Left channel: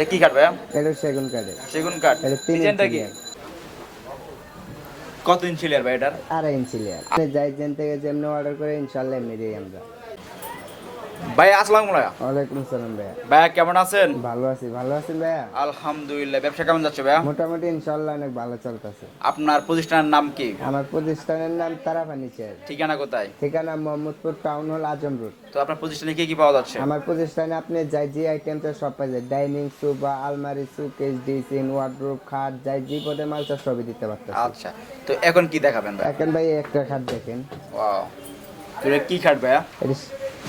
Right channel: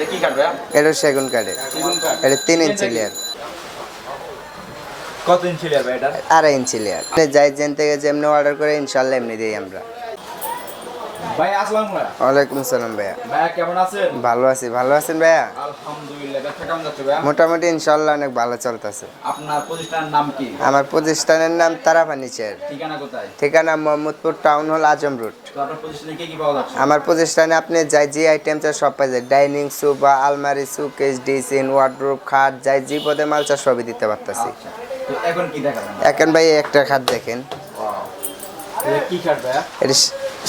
এটা কি কাঠ ভাইয়া? এটা সেগুন কাঠের সেগুন কাঠ এটা তিন ইঞ্চি? লেয়ার কত ইঞ্চি লেয়ার ভাই এটা? আড়াই ইঞ্চি লেয়ার যাই যেন থেকে যেমনি অর্ডার করে ইনশাল্লাহ এমনি দিই আমরা। ভাই আসসালামু আলাইকুম। ওয়ালাইকুম সালাম ভাইয়া। ভাইয়া কেমন আছেন? ভালো আছি ভালো আছেন ভাইয়া? আলহামদুলিল্লাহ ব্যবসা কেমন যাচ্ছে ভাইয়া? মোটামুটি ইনশাল্লাহ অনেক ভালো চলতেছে। আপনার প্রতিষ্ঠানের নাম কি? আমার প্রতিষ্ঠানের নাম তারা ফার্নিচার ঠিকানা কোথায়? ঠিকানা মোহাম্মদপুর টাউন হল আজম রোড। তো আপনার প্রতিষ্ঠানে কি কি পাওয়া যাচ্ছে? আমার প্রতিষ্ঠানে আপনি যাই যে আইটেম চাই সব পাই যায়। ডাইনিং সোফা আলমারি সুকেস ডিসিন ওয়ার্ডরোব খাট যাই যে পদে মাল চাই সবই দিতে পারতেছি। আচ্ছা তো এখন কি দেখাবেন? এখন ভাই একটা খাট দেখেন। ওয়াও। এটা কি কাঠ ভাইয়া? এটা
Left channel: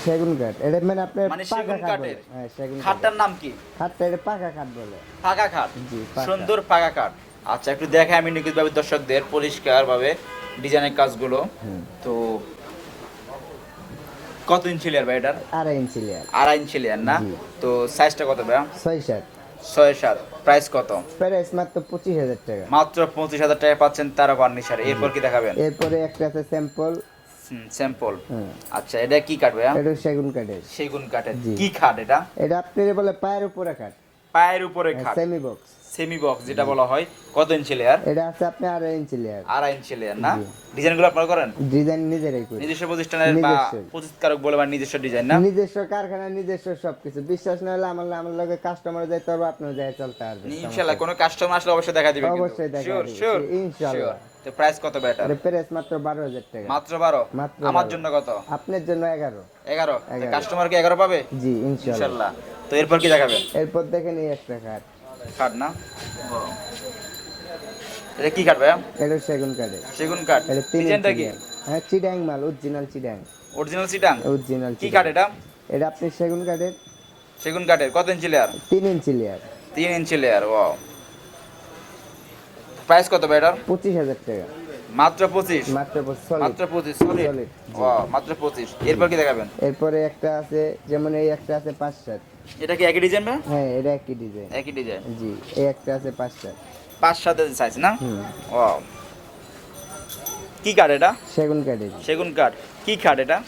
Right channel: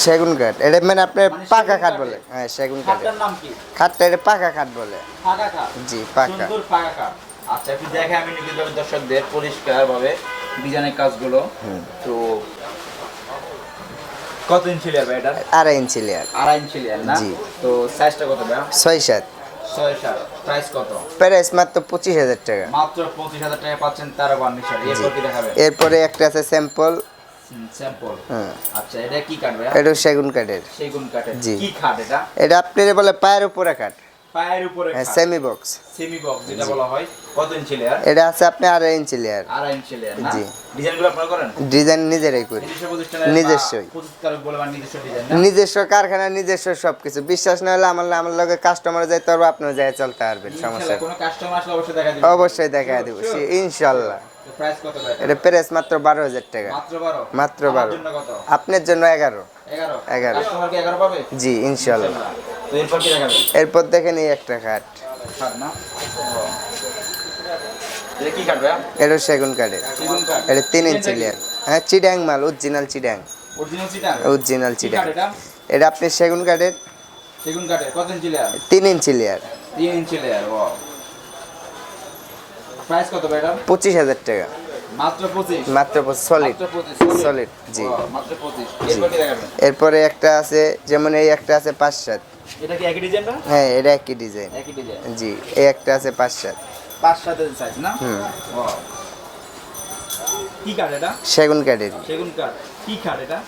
সেগুন কাঠ। এটা মানে আপনার মানে পাকা কাঠ বলে। হ্যাঁ সেগুন কাঠ নাম কি? খাটটা এটা পাকা কাঠ বলে। ফাঁকা খাট জি পাকা সুন্দর ফাঁকা কাঠ। আচ্ছা একটু দেখে আমি নিখুঁত ভাবে দর্শকদের পরিষ্কার ভাবে ডিজাইনের কাজগুলো। তো কত ইঞ্চি লেয়ার ভাই এটা? আড়াই ইঞ্চি লেয়ার আড়াই ইঞ্চি লেয়ার না? জি। তো সাইজটা কত ভাইয়া? ছয় সাত। ছয় সাত। প্রাইস কত? প্রাইস মাত্র পঁচিশ হাজার টাকা। মাত্র পঁচিশ হাজার টাকা পাচ্ছেন তারা বার্নিশার এরপর কি দেখাবেন? এরপরে একটা আছে স্যাম্পল স্যাম্পল আচ্ছা এটা কি কাঠ ভাই এটা সেগুন কাঠের। সেগুন কাঠের। কি কাঠ এটা? এটা আপনি বলে পায়ের উপরে কাঠ। পায়ের উপরে সেমি বক্স সেমি বক্স যেটা বলা হয়। কত ইঞ্চি লেয়ার এটা আছে আপনি আড়াই ইঞ্চি লেয়ার আড়াই ইঞ্চি লেয়ার না? জি। ডিজাইনগুলো আপনারা করেন? ডিজাইন নিজেরাই করি। নিজস্ব প্রতিষ্ঠানের নিজস্বই। প্রস্তুতকারক বলে বা নিজস্ব ডিজাইন না? নিজস্ব কারখানা নিজস্ব সবকিছু। বিশ্বাস না হলে আমার আমার লগে কাস্টমার যাইতে পারব আপনার যাই চলতে পারবেন ইনশাআল্লাহ কোনো কাস্টমার আসলে অবশ্যই দেখা দিবেন অবশ্যই দেখা দিব। ইনশাল্লাহ। প্রাইস কত ভাই এটা? প্রাইস মাত্র বারো হাজার টাকা। মাত্র 12 মাত্র 12 জন্য কত? আপনার জন্য এগারো। 11 11 কাস্টমার কি 11 পাবে? জি ইনশাআল্লাহ তো এরপর কি দেখাবেন? এরপর দেখেন এই একটা খাট। কাট না? এটা কি কাট ভাইয়া? এটা সেগুন কাঠের। সেগুন কাট এটা তিন ইঞ্চি লেয়ার। হ্যাঁ চিডাং মাল অরিজিনাল চিডাং অরিজিনাল কি এটা? এটা আপনি সেগুন কাঠের? সেগুন কাটের কত ইঞ্চি লেয়ার? তিন inch layer. 3 inch layer wow price কত ভাই এটা পঁচিশ হাজার টাকা। মাত্র 25 মাত্র সলিড মাত্র 25 Solid, জি। মাত্র 25 এরপর কি দেখাবেন? এরপরে একটা আছে যেমন এই একটা আছে পাঁচ সাত। এটা কি একই ডিজাইন না? হ্যাঁ এটা একই ডিজাইন একই ডিজাইন জি এই একটা আছে পাঁচ সাত সাইজ না? ওয়াও কি কাঠ এটা? সেগুন কাঠের সেগুন কাঠ কি কাঠ এটা?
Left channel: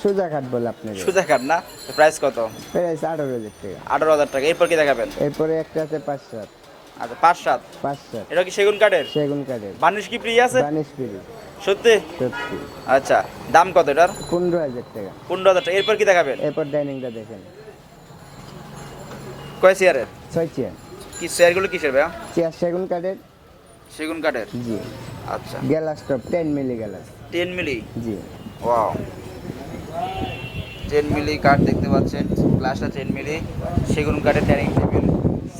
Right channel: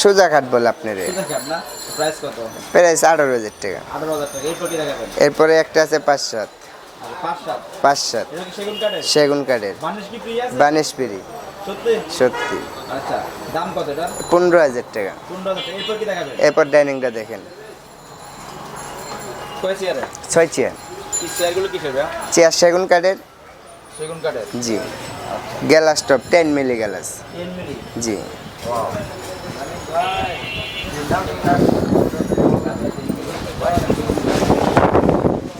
সোজা কাঠ বলে আপনার সুদা কাঠ না? প্রাইস কত? প্রাইস আঠারো হাজার টাকা। আঠারো হাজার টাকা। এরপর কি দেখাবেন? এরপরে একটা আছে পাঁচ সাত। আচ্ছা পাঁচ সাত। পাঁচ সাত। এটা কি সেগুন কাঠের সেগুন কাঠের কি আছে? বানিশ সত্যি? সত্যি। আচ্ছা দাম কত এটার? পনেরো হাজার টাকা। পনেরো হাজার টাকা। এরপর কি দেখাবেন? এরপর ডাইনিংটা দেখেন। কয় চেয়ারে ছয় চেয়ার কি চেয়ারগুলো কিসের ভাই চেয়ার সেগুন কাঠের। সেগুন কাঠের? জি। আচ্ছা। Glass top ten milli glass ten milli? জি। ওয়াও। টেন মিলি কাঠ দেখতে পাচ্ছেন গ্লাসটা টেন মিলি সেগুন কাঠের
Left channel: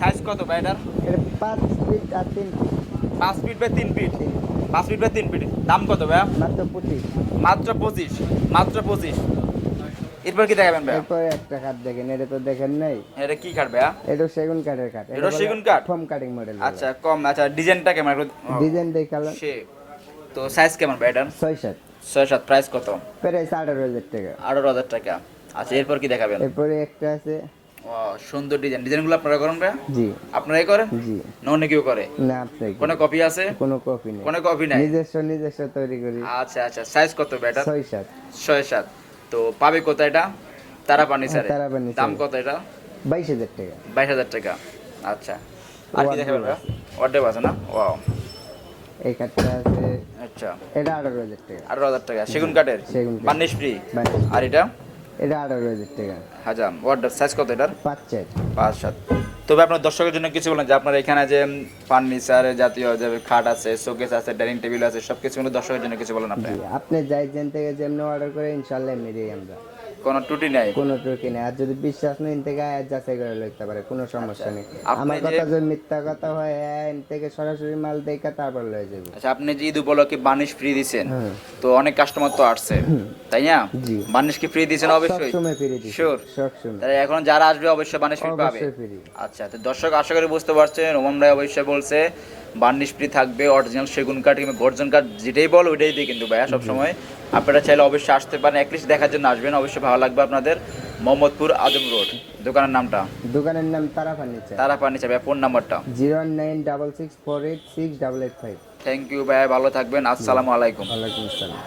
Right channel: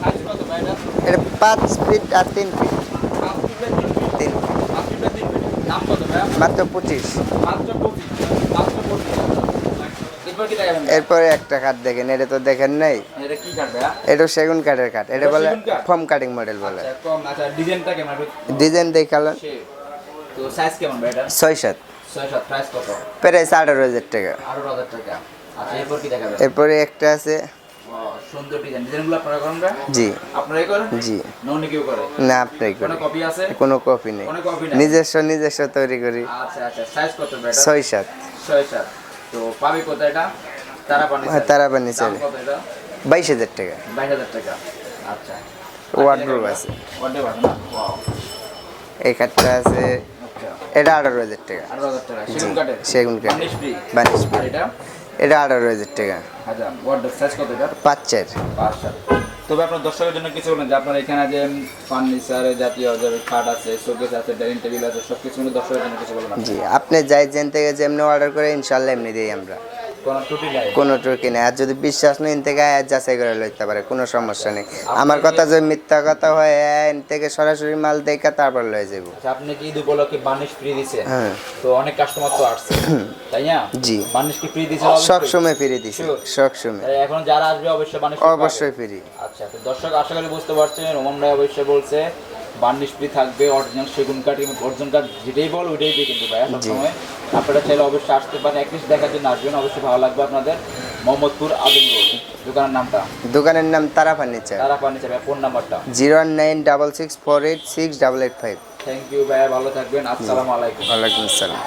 সাইজ কত ভাই এটা? এটা পাঁচ ফিট আর তিন ফিট। পাঁচ ফিট তিন ফিট? তিন পাঁচ ফিট বাই তিন ফিট। দাম কত ভাই মাত্র পঁচিশ। মাত্র পঁচিশ। মাত্র পঁচিশ। এরপর কি দেখাবেন এরপরে একটা কাঠ দেখেন এটা তো দেখেন নাই। এটা কি কাঠ ভাইয়া? এটা সেগুন কাঠের কাঠ এটা বলে ফর্ম কাটিং মডেল বলে। আচ্ছা কম আচ্ছা ডিজাইনটা কেমন? ডিজাইন দেখালেন তো সাইজ কেমন ভাই এটা প্রাইস কত? প্রাইস আঠারো হাজার টাকা। আঠারো হাজার টাকা। আচ্ছা এরপর কি দেখাবেন? এরপরে একটা আছে। সুন্দর ডিজাইন। ডিজাইনগুলো আপনারা করেন ভাই জি। আপনারাই করেন? জি। না কেউ করে? না কোনো কপি আছে? কোনো কপি নেই। কোনো কপি নাই? নিজস্ব নিজস্ব তৈরি করি। আচ্ছা আচ্ছা সাইজ কত সাত। তো পাবে কত এটা? তারা পানি তারাবানি দাম কত এটা? বাইশ হাজার টাকা। বাইশ হাজার টাকা। আচ্ছা। Wardrobe আছে। ওয়ার্ড্রোব আছে না? ওয়াও এই কাঠটা আছে। আচ্ছা। এটা আঠারো হাজার টাকা। আঠারো হাজার টাকা। সেগুন কাঠের? সেগুন কাঠ। বার্নিশ ফ্রি বানিশ আর এটা? এটা আঠারো হাজার টাকা। আচ্ছা ওয়ার্ড্রোব সাইজ কত এটা পাঁচ চার। আচ্ছা তবে আপনার দর্শকের জন্য কিছু বলেন যে আপনার এখানে যে ফার্নিচার জাতীয় যে খাট আছে, শোকেস আছে, ডাইনিং টেবিল আছে সব কিছু দর্শকের জন্য কিছু বলেন জি, আপনি যাই যেন থেকে যেমনি অর্ডার করে, ইনশাল্লাহ এমনি দিই আমরা। কোনো ত্রুটি নাই? কোনো টুকি নেই। আর যদি বিশ্বাস নেই থেকে যাচাই করে লইতে পারে কোনো সমস্যা নেই। আমার কথা যদি মিথ্যা কথা হয় এন থেকে সরাসরি মাল দেখে তারপর লয়ে যাব আচ্ছা আপনি যে ঈদ উপলক্ষে বার্নিশ ফ্রি দিছেন হ্যাঁ। তো অনেক কাস্টমার তো আসছে তাই না? জি। বার্নিশ কি ফ্রি দিছেন সব সময় ফিরে দিছি. সব সময়। এখন যারা আসবে অবশ্যই পাবে। অবশ্যই ফিরি আচ্ছা তো দর্শক আশা করি বুঝতে পারছেন ওমন ভাই অবশ্যই বলছে বার্নিশ ফ্রি থাকবে অরিজিনাল সেগুন কাঠ কিংবা গর্জন কাঠ যেটাই বল ওইটাই দিই কিন্তু ভাইয়া সবসময়। আপনারা চাইলে অবশ্যই আসতে পারেন একলিস্ট দেখার জন্য আসবেন অবশ্যই ভালো লাগবে আপনাদের। মোহাম্মদপুর আজম রোড দোকানের নামটা? দোকানের নাম তারা ফার্নিচার। তারা ফার্নিচার ভাই ফোন নাম্বারটা? Zero nine double six four eight six double eight five. Thank you ভাইয়া ভালো থাকবেন আসসালামু আলাইকুম। ওয়ালাইকুম আসসালাম।